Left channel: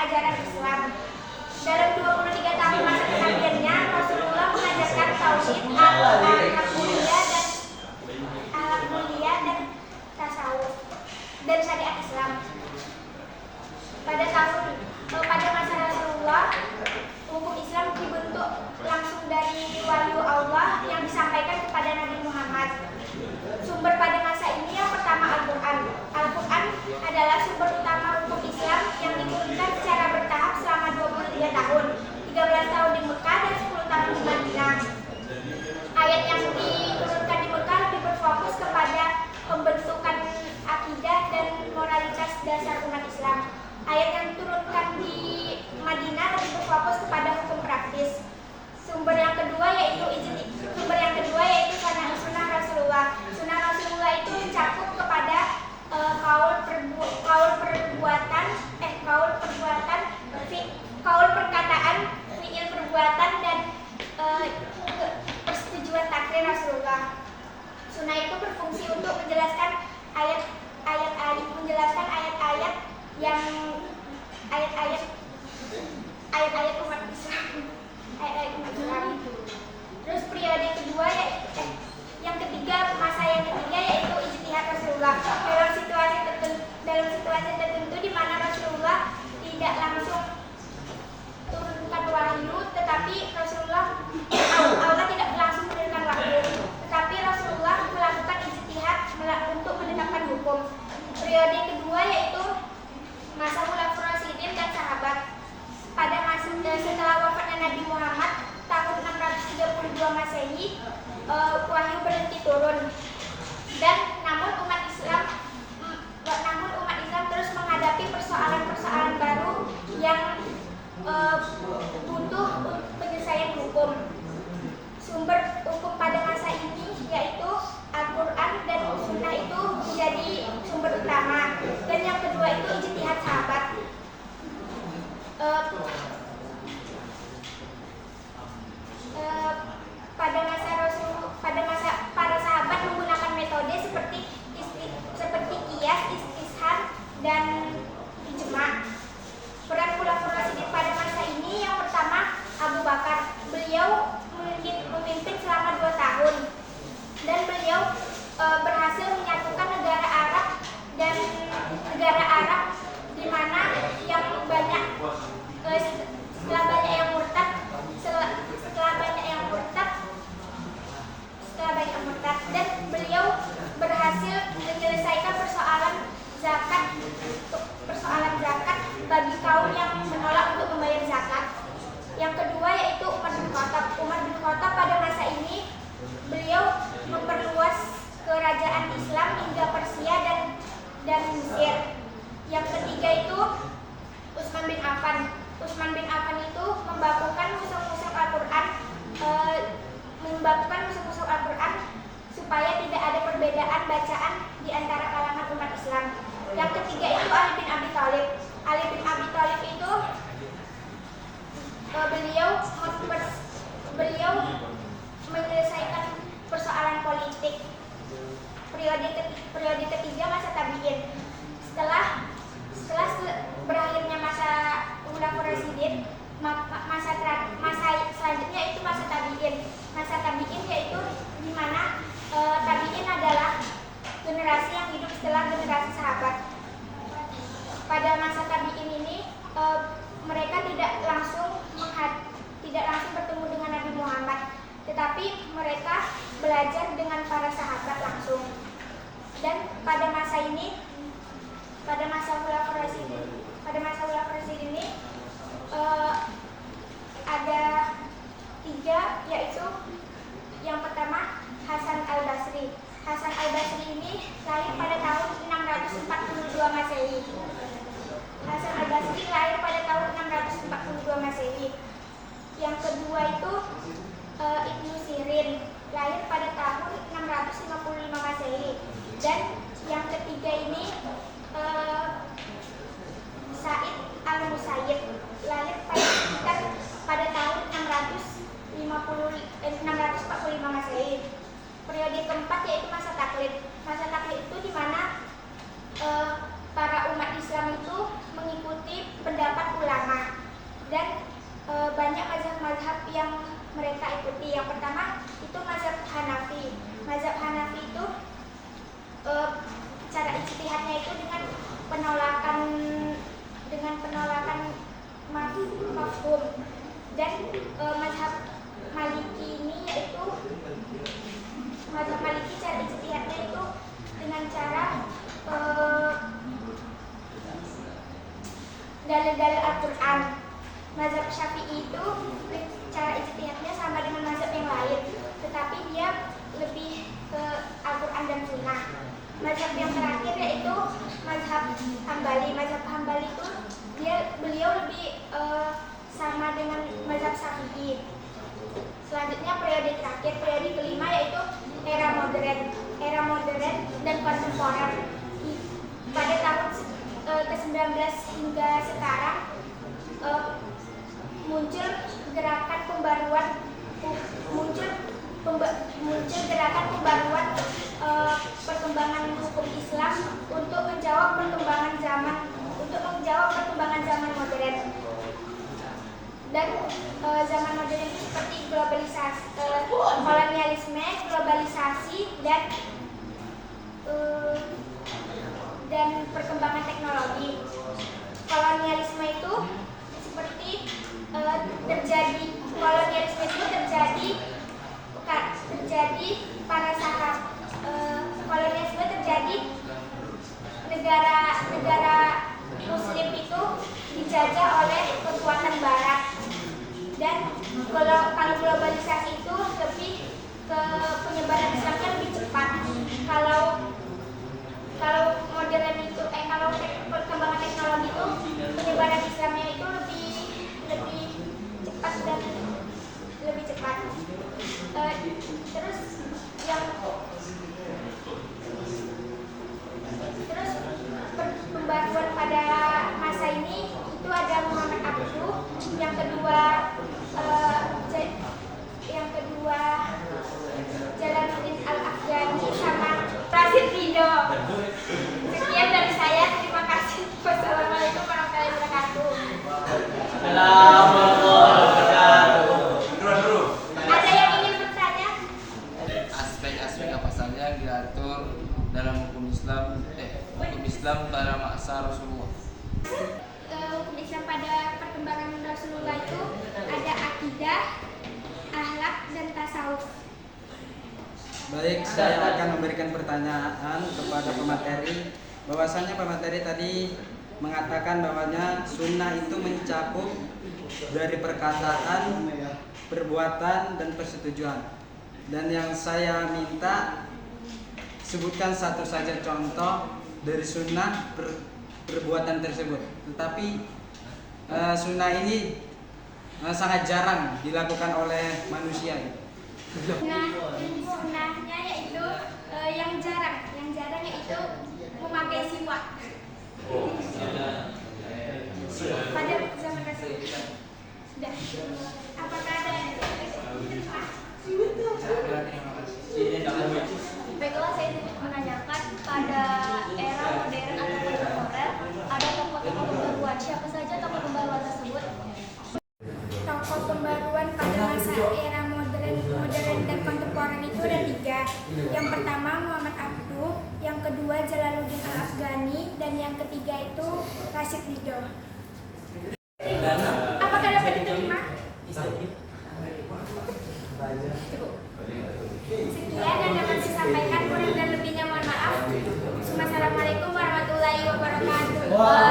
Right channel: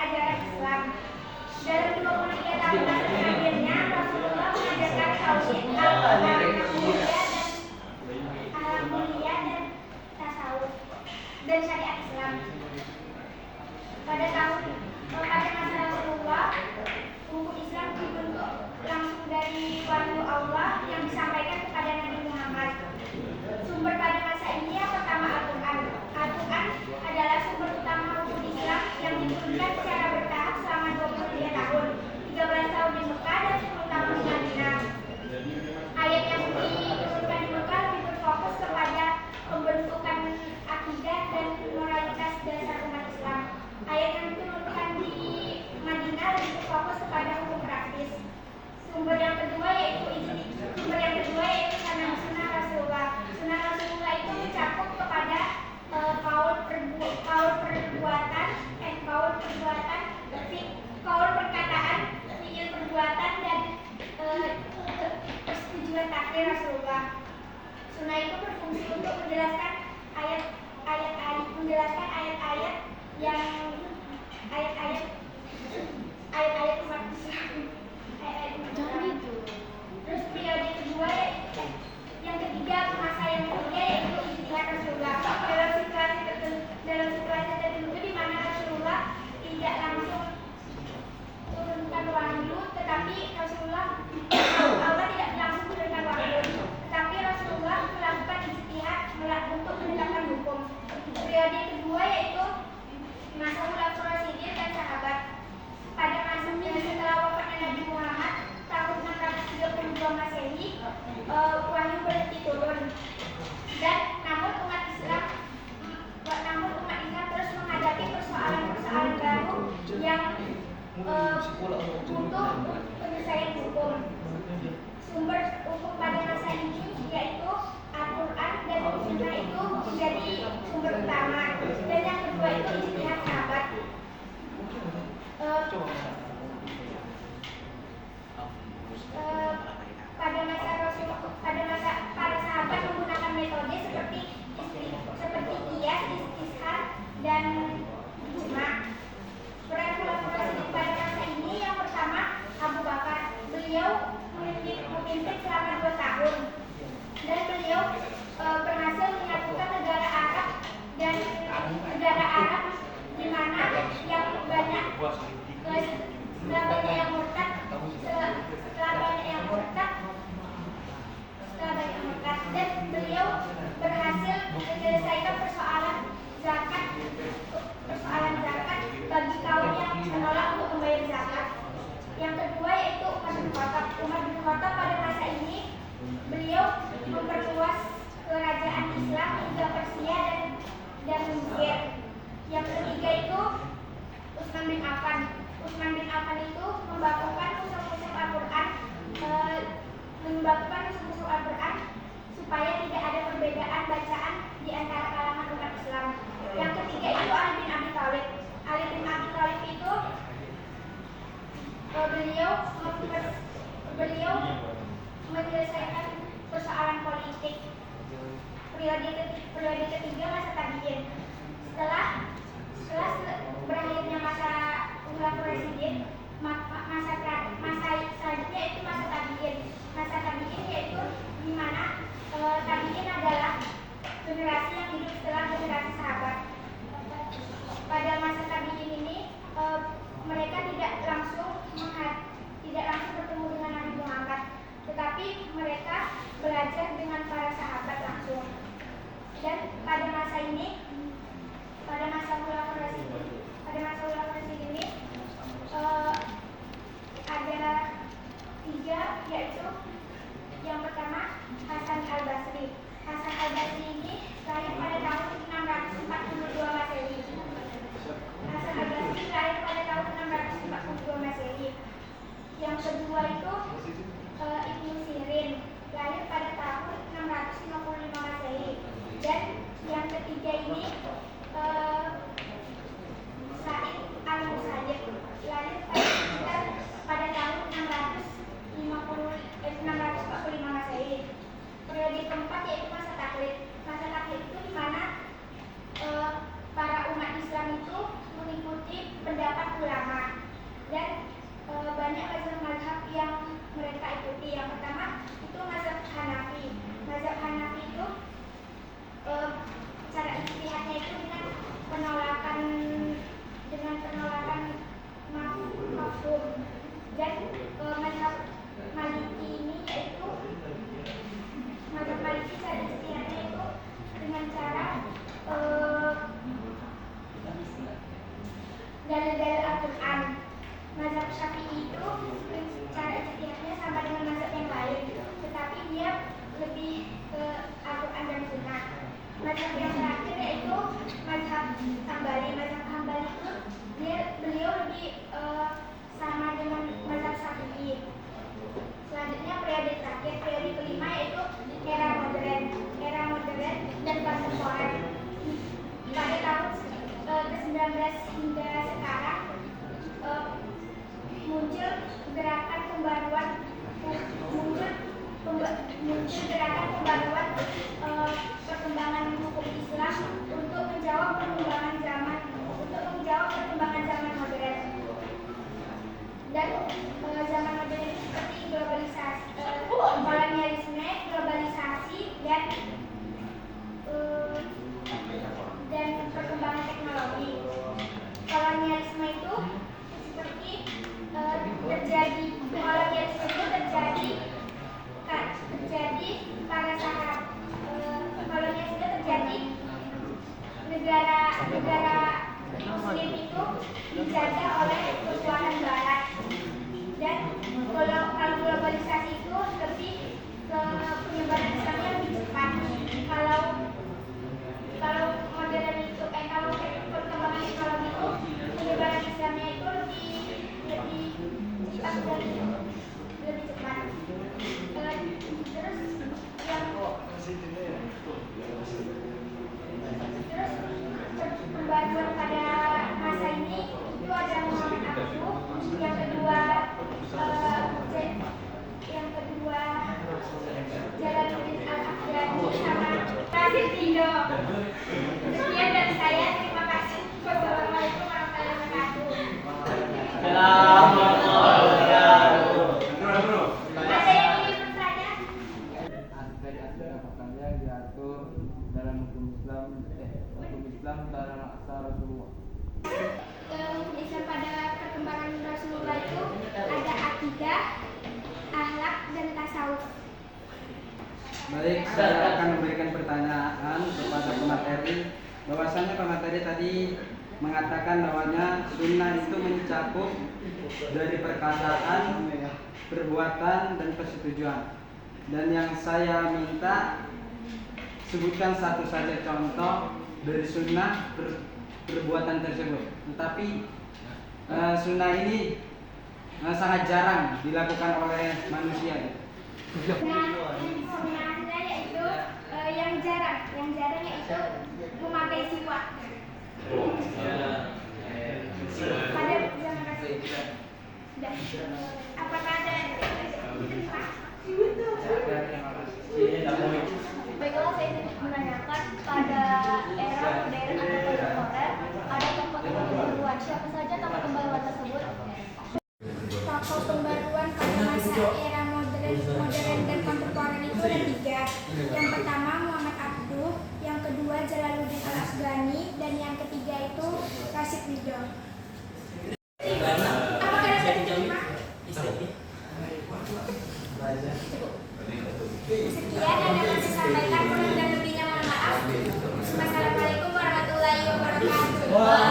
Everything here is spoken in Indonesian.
ajaran Islam. Dalam 23 tahun masa kenabiannya, Rasulullah mengajarkan tauhid, akhlak mulia dan tasawuf dan syariat Islam. Pada masa Rasulullah, hukum Islam dibentuk langsung dari wahyu Allah yang disampaikan kepada Nabi Muhammad. Sumber pada masa ini yang pertama Al-Quran. Al-Quran adalah sumber utama hukum Islam yang diturunkan secara bertahap selama 23 tahun, 13 tahun di Mekah dan 10 tahun di Madinah. Ayat yang diturunkan di Mekah lebih berfokus kepada pembentukan akidah dan moralitas dasar umat Islam. Ayat yang diturunkan di Madinah lebih berfokus kepada hukum praktis. Sumber yang kedua yaitu sunnah Rasulullah. Sunnah Rasulullah itu mencakup kepada kaul perkataan, fiil perbuatan dan persetujuan takrir Rasulullah. Sunnah itu berfungsi untuk menjelaskan ayat-ayat umat Islam. Terus periode kedua yang ketiga yaitu ijtihad Rasulullah. Dalam situasi tertentu di mana Rasulullah tidak langsung turunkan wahyu, tetapi Allah tidak langsung turunkan wahyu, tetapi Rasulullah melakukan ijtihad untuk menetapkan hukum. Periode kedua yaitu masa Khulafaur Rasyidin dan sahabat. Pada masa setelah wafatnya Nabi Muhammad tahun 632 Masehi, wahyu berhenti turun. Dan namun umat Islam terus menghadapi persoalan-persoalan baru yang butuh penyelesaian hukum. Sumber hukum pada masa ini yaitu Al-Quran dan Sunnah itu menjadi sumber utama. Dan yang kedua itu ijtihad sahabat. Pada masa para sahabat menggunakan metode seperti qiyas, istishad dan ijma. Peran Khulafaur Rasyidin pada masa ini yang pertama Abu Bakar. Beliau memimpin selama 2 tahun dan beliau berhasil menyatukan negara Arab di mana yang banyak setelah banyak yang murtad dan beliau berhasil menyelesaikan persoalan zakat bagi kaum yang menolak untuk membayar zakat. Yang kedua yaitu Umar bin Khattab pada masa ini beliau memperluas kerajaan Islam hingga Persia dan Mesir. Yang ketiga itu Utsman bin Affan itu membakukan mushaf Al-Quran supaya tidak ada perbedaan bacaan di antara kalangan umat Islam. Yang ketiga itu Ali bin Abi Thalib itu beliau menyelesaikan persoalan politik. Periode ketiga masa tabi'in. Setelah berakhirnya masa Khulafaur Rasyidin, masa selanjutnya itu masa tabi'in. Masa tabi'in yaitu di mana tabi'in adalah generasi yang hidup setelah generasi sahabat. Pada masa tabi'in ini mereka tidak langsung bertemu dengan Nabi Muhammad, tetapi mereka belajar dengan para sahabat langsung. Dan pada masa Khulafaur Rasyidin ini ada 3, yaitu yang pertama Hasan al-Basri. Hasan al-Basri ini lahir pada tahun 642 Masehi. Yang kedua itu Ibnu Sirin, lahir pada tahun 655 Masehi. Dan yang ketiga ini Sa'id al-Musayyib, lahir pada tahun 645 Masehi. Periode keempat yaitu masa taklid. Masa taklid itu di mana para umat Islam itu mengikuti pendapat ulama yang mereka ikuti. Yang pertama itu mazhab Hanafi. Mazhab Hanafi itu cara ijtihadnya itu dengan penolakan mafhum. Dan mazhab Maliki ini yaitu mazhab Maliki cara ijtihadnya itu dengan cara dalil-dalil Al-Quran. Mazhab Syafi'i itu cara ijtihadnya sama dengan mazhab yang lain, tetapi dia lebih ke Al-Quran dan Sunnah. Mazhab yang terakhir yaitu mazhab Hambali. Mazhab Hambali itu beliau lebih sama dengan mazhab Syafi'i. Selanjutnya periode terakhir, periode kelima yaitu era modern dan kontemporer. Pada tahun ke-19 hingga sekarang muncul gerakan pembaruan perkembangan hukum Islam untuk menjawab perkembangan zaman modern. Dan zaman modern itu seperti globalisasi, kolonialisme, globalisasi dan perkembangan teknologi. Kolonialisme itu seperti negara Muslim itu dijajah oleh kekuatan Barat. Dan kalau globalisasi itu lebih ke penyebaran Islamnya lebih cepat. Kalau modern itu kalau perkembangan teknologi itu penyebaran Islamnya itu lebih cepat dan lebih cepat. Terus pembaruan pada masa ini itu ada Muhammad Abduh, yang kedua Jalaluddin Al-Afghani sama Rashid Ridho. Sekian dari saya, terima kasih. Wassalamualaikum warahmatullahi wabarakatuh. Ada yang ingin bertanya? Aspek-aspek apa saja yang diatur dalam hukum Islam pada masa Rasulullah? Hukum Islam pada perkembangan Rasulullah itu ada akidah, akhlak, dan tasawuf. Baik, saya akan memberikan pertanyaan kepada pemateri. Bahwasanya pemateri tadi mengatakan bahwanya sunnah itu mencakup dari perkataan, perbuatan, dan persetujuan. Dan yang saya minta, sebutkan satu saja contoh dari sunnah perbuatan tersebut. Tetapi sunnah ini sangat jarang dilakukan oleh manusia. Sunnahnya yaitu yang jarang yaitu memakai siwak. Pada zaman Rasulullah. Sudah. Apakah ada yang Baiklah, saya ingin menanyakan pada era modern atau kontemporer ada tokoh-tokoh pembaruan. Siapa saja tokoh pembaruan tersebut? Tokoh pembaruan pada masa era modern dan kontemporer itu ada 3. Yang pertama Muhammad Abduh, yang kedua Jalaluddin Al-Afghani, dan yang ketiga itu Rashid Ridho. Apakah dapat diterima? Sekian yang dapat saya sampaikan, kurang dan lebihnya mohon maaf. Wassalamualaikum warahmatullahi wabarakatuh.